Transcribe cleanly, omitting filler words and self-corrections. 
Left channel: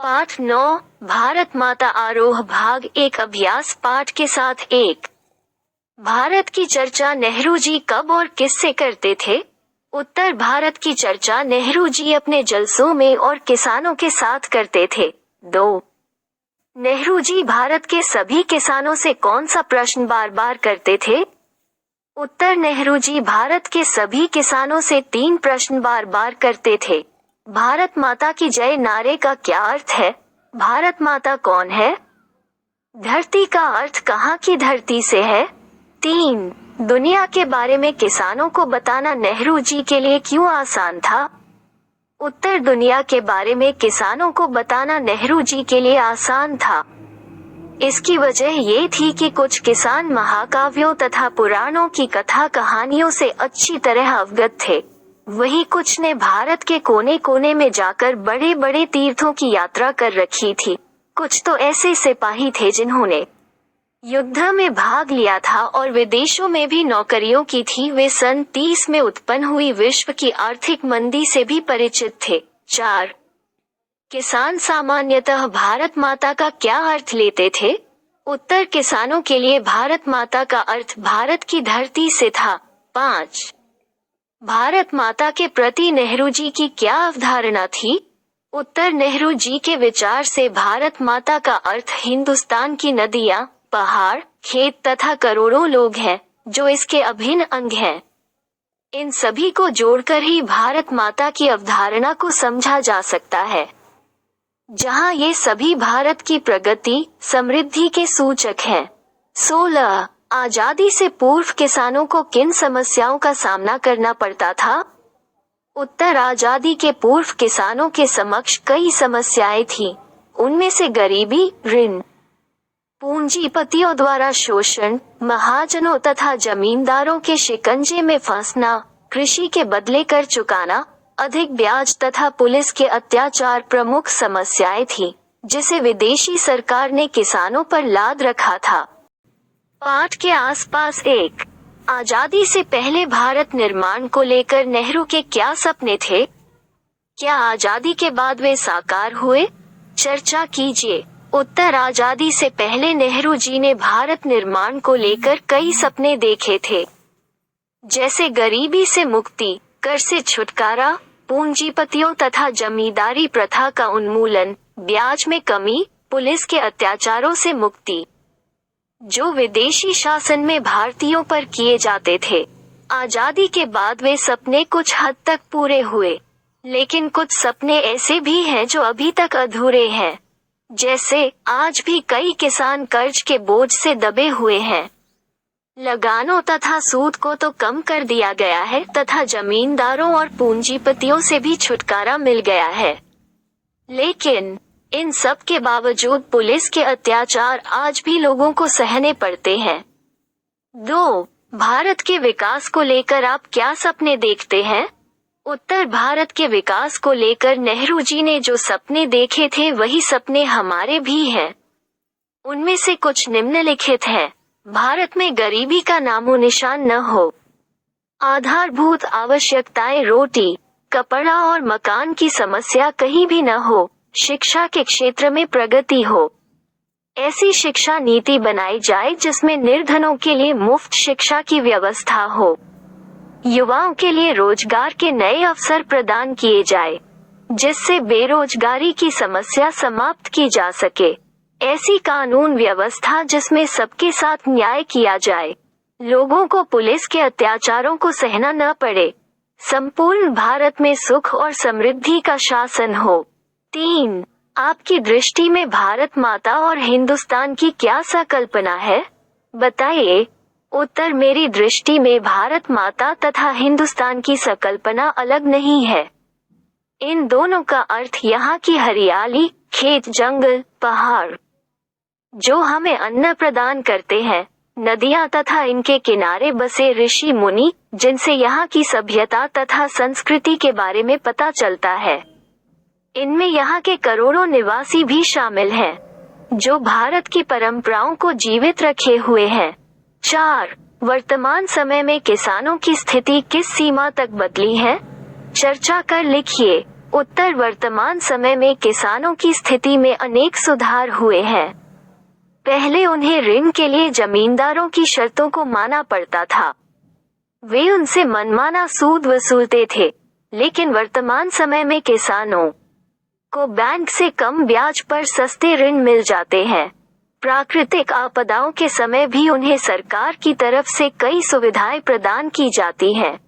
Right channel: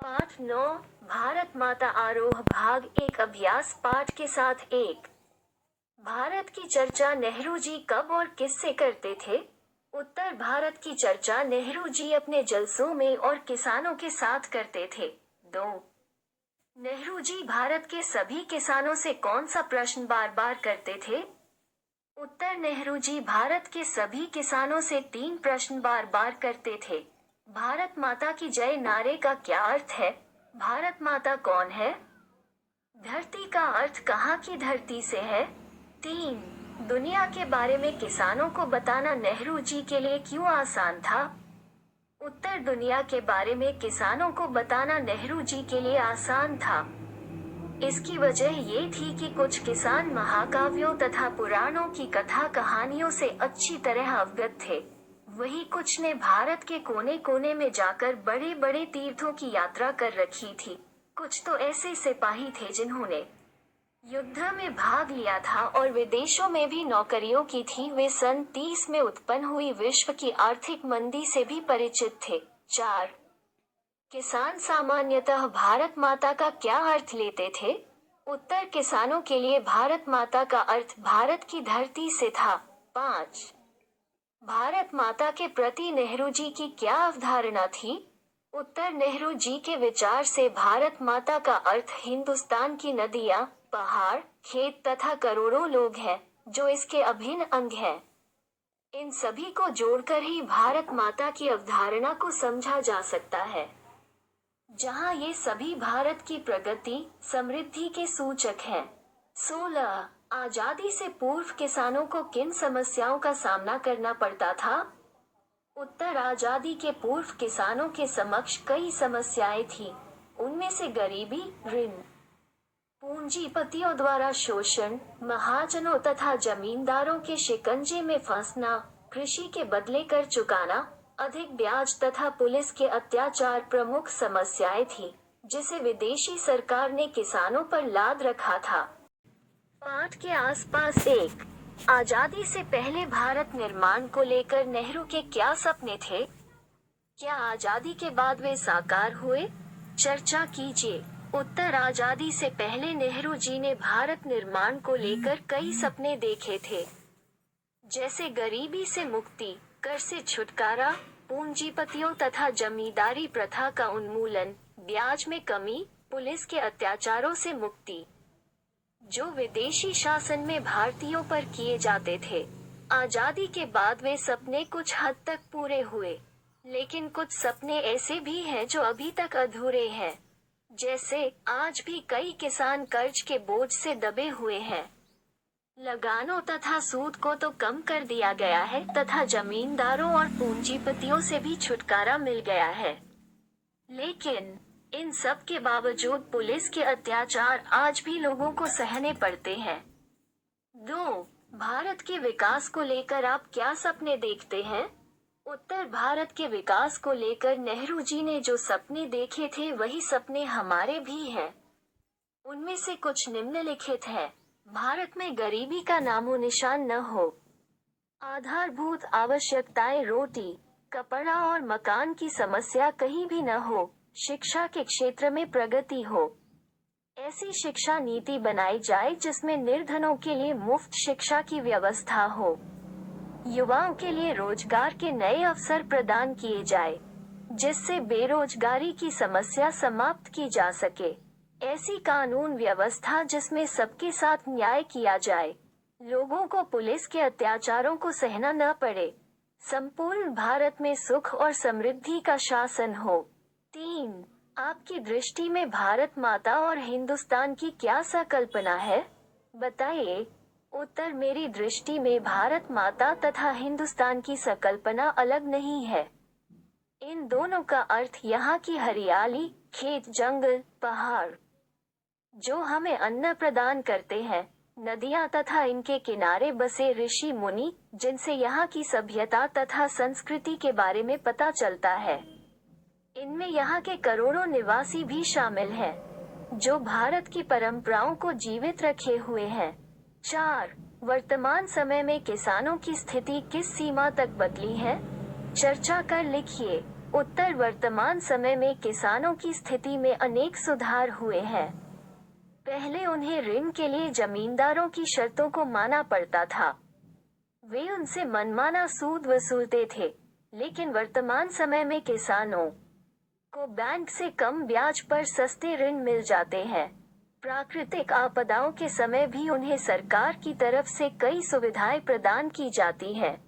पाठ 9 भारत माता आरोह भाग 1 अभ्यास पाठ के साथ 1। भारत की चर्चा नेहरू जी कब और किससे करते थे? उत्तर भारत की चर्चा नेहरू जी अपने जलसों में और किसानों के साथ करते थे। 2। नेहरू जी भारत के सभी किसानों से कौन सा प्रश्न बार बार करते थे? उत्तर नेहरू जी भारत के सभी किसानों से 3 प्रश्न बार बार करते थे। भारत माता की जय नारे का क्या अर्थ है? भारत माता कौन है? धरती का अर्थ कहाँ की धरती से है? 3। दुनिया के बारे में किसानों को बताना नेहरू जी के लिए क्यों आसान था? उत्तर दुनिया के बारे में किसानों को बताना नेहरू जी के लिए आसान था। इसकी वजह ये थी कि कुछ किसान महाकाव्यों तथा पुराणों की कथा कहानियों से अच्छी तरह अवगत थे। वहीं कुछ ने भारत के कोने कोने में जाकर बड़े बड़े तीर्थों की यात्रा कर रखी थी। कुछ तो ऐसे सिपाही थे जिन्होंने युद्ध में भाग लिया था और विदेशों में भी नौकरियों की थी। वे सन 30 में उत्पन्न हुई विश्व की आर्थिक मंदी से भी परिचित थे। 4। किसान सामान्यतः भारत माता का क्या अर्थ लेते थे? उत्तर किसानों के लिए भारत माता का अर्थ भारत की धरती से था। 5। भारत माता के प्रति नेहरू जी की क्या अवधारणा थी? उत्तर नेहरू जी के विचार से भारत माता का अर्थ हिंदुस्तान की नदियां, पहाड़, खेत तथा करोड़ों लोग हैं, जो इसके अभिन्न अंग हैं। इन सभी को जोड़कर ही भारत माता की अवधारणा को समझा जा सकता है, जहां ये सभी भारत की प्रगति, समृद्धि के सूचक हैं। 16। आजादी से पूर्व किसानों को किन समस्याओं का सामना करना पड़ता था? उत्तर आजादी के पूर्व किसानों के समक्ष कई समस्याएं थीं। उनमें से गरीबी, ऋण, पूंजीपतियों द्वारा शोषण, महाजनों तथा जमींदारों के शिकंजे में फंसना, कृषि के बदले कर चुकाना, अधिक ब्याज तथा पुलिस के अत्याचार प्रमुख समस्याएं थीं, जिसे विदेशी सरकार ने किसानों पर लाद रखा था। पाठ के आसपास 1। आजादी से पहले भारत निर्माण को लेकर नेहरू के क्या सपने थे? क्या आजादी के बाद वे साकार हुए? चर्चा कीजिए। उत्तर आजादी से पहले नेहरू जी ने भारत निर्माण को लेकर कई सपने देखे थे, जैसे गरीबी से मुक्ति, कर से छुटकारा, पूंजीपतियों तथा जमींदारी प्रथा का उन्मूलन, ब्याज में कमी, पुलिस के अत्याचारों से मुक्ति, जो विदेशी शासन में भारतीयों पर किए जाते थे। आजादी के बाद वे सपने कुछ हद तक पूरे हुए, लेकिन कुछ सपने ऐसे भी हैं जो अभी तक अधूरे हैं। जैसे आज भी कई किसान कर्ज के बोझ से दबे हुए हैं। लगानों तथा सूद को तो कम कर दिया गया है तथा जमींदारों और पूंजीपतियों से भी छुटकारा मिल गया है, लेकिन इन सब के बावजूद पुलिस के अत्याचार आज भी लोगों को सहने पड़ते हैं। 2। भारत के विकास को लेकर आप क्या सपने देखते हैं? उत्तर भारत के विकास को लेकर नेहरू जी ने जो सपने देखे थे वही सपने हमारे भी हैं। उनमें से कुछ निम्नलिखित हैं। भारत में गरीबी का नामो निशान न हो। आधारभूत आवश्यकताएं रोटी, कपड़ा और मकान की समस्या कहीं भी न हो। शिक्षा के क्षेत्र में प्रगति हो। ऐसी शिक्षा नीति बनाई जाए जिसमें निर्धनों के लिए मुफ्त शिक्षा की व्यवस्था हो। युवाओं के लिए रोजगार के नए अवसर प्रदान किए जाए, जिससे बेरोजगारी की समस्या समाप्त की जा सके। ऐसी कानून व्यवस्था जिसमें सबके साथ न्याय किया जाए, लोगों को पुलिस के अत्याचारों को सहना न पड़े। संपूर्ण भारत में सुख और समृद्धि का शासन हो। 3। आपकी दृष्टि में भारत माता और हिंदुस्तान की क्या संकल्पना है? बताइए। उत्तर मेरी दृष्टि में भारत माता तथा हिंदुस्तान की संकल्पना अलग नहीं है। इन दोनों का अर्थ यहाँ की हरियाली, खेत, जंगल, पहाड़, जो हमें अन्न प्रदान करते हैं, नदियाँ तथा इनके किनारे बसे ऋषि मुनि, जिनसे यहाँ की सभ्यता तथा संस्कृति के बारे में पता चलता है। इनमें यहाँ के करोड़ों निवासी भी शामिल हैं, जो भारत की परंपराओं को जीवित रखे हुए हैं। 4। वर्तमान समय में किसानों की स्थिति किस सीमा तक बदली है? चर्चा कर लिखिए। उत्तर वर्तमान समय में किसानों की स्थिति में अनेक सुधार हुए हैं। पहले उन्हें ऋण के लिए जमींदारों की शर्तों को मानना पड़ता था। वे उनसे मनमाना सूद वसूलते थे, लेकिन वर्तमान समय में किसानों को बैंक से कम ब्याज पर सस्ते ऋण मिल जाते हैं। प्राकृतिक आपदाओं के समय भी उन्हें सरकार की तरफ से कई सुविधाएं प्रदान की जाती हैं।